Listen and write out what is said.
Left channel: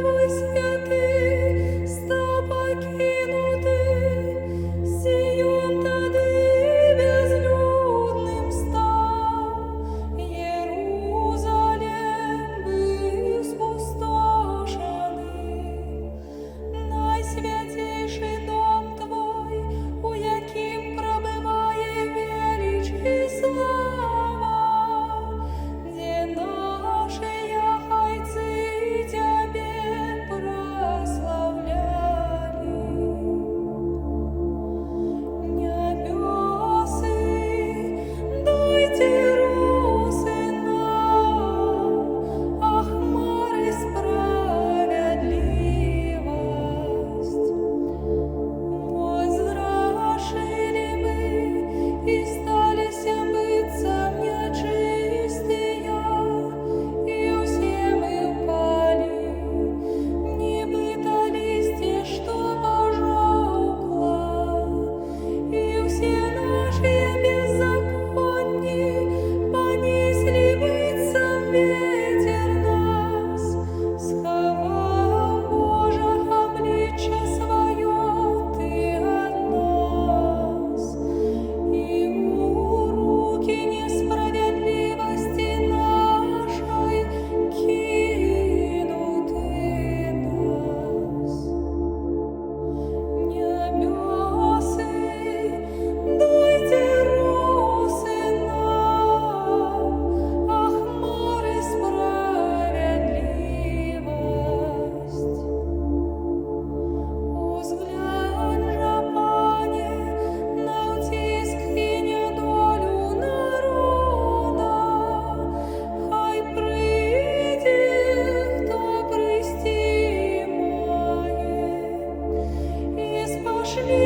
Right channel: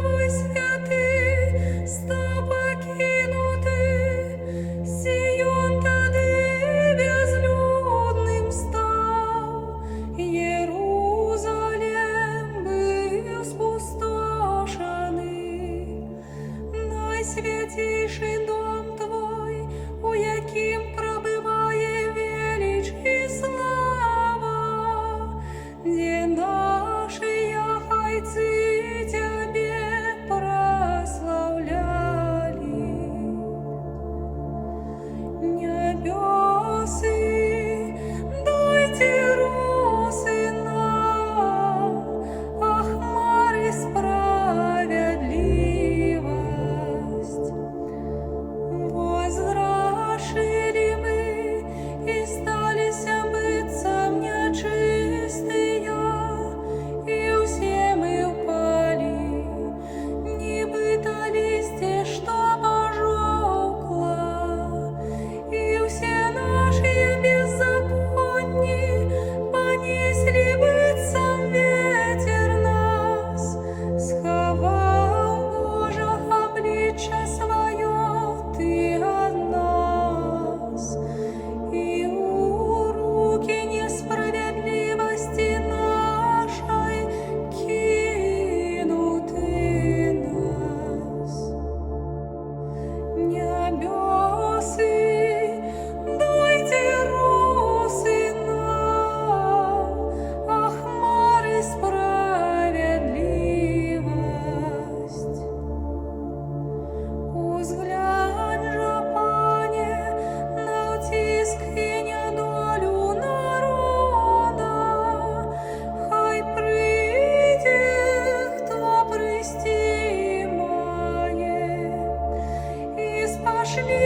Твой святий став покинути, Сіон тоді безлюдним став, Єрусалим був спустошений, найсвятіший дом Твой, у яким пробиває велич і слава, де наші яхайці Тебе прославляли. Небесы, дайте росы нам, а хмары справедливость. Возгрешили мы и сталися быццам нечистые, и все мы упали, нібито листя, что пожухло, и все наши беззаконні понесли быццам ветер нас, сховав Божьего обличчя своє Ты от нас, и у руки несправедливости нашей кинуты нас. Небесы, дайте росы нам, а хмары справедливость. Узглянь же, Пане, на утиск и недолю народа, хай прийде, хто прости має, і спошли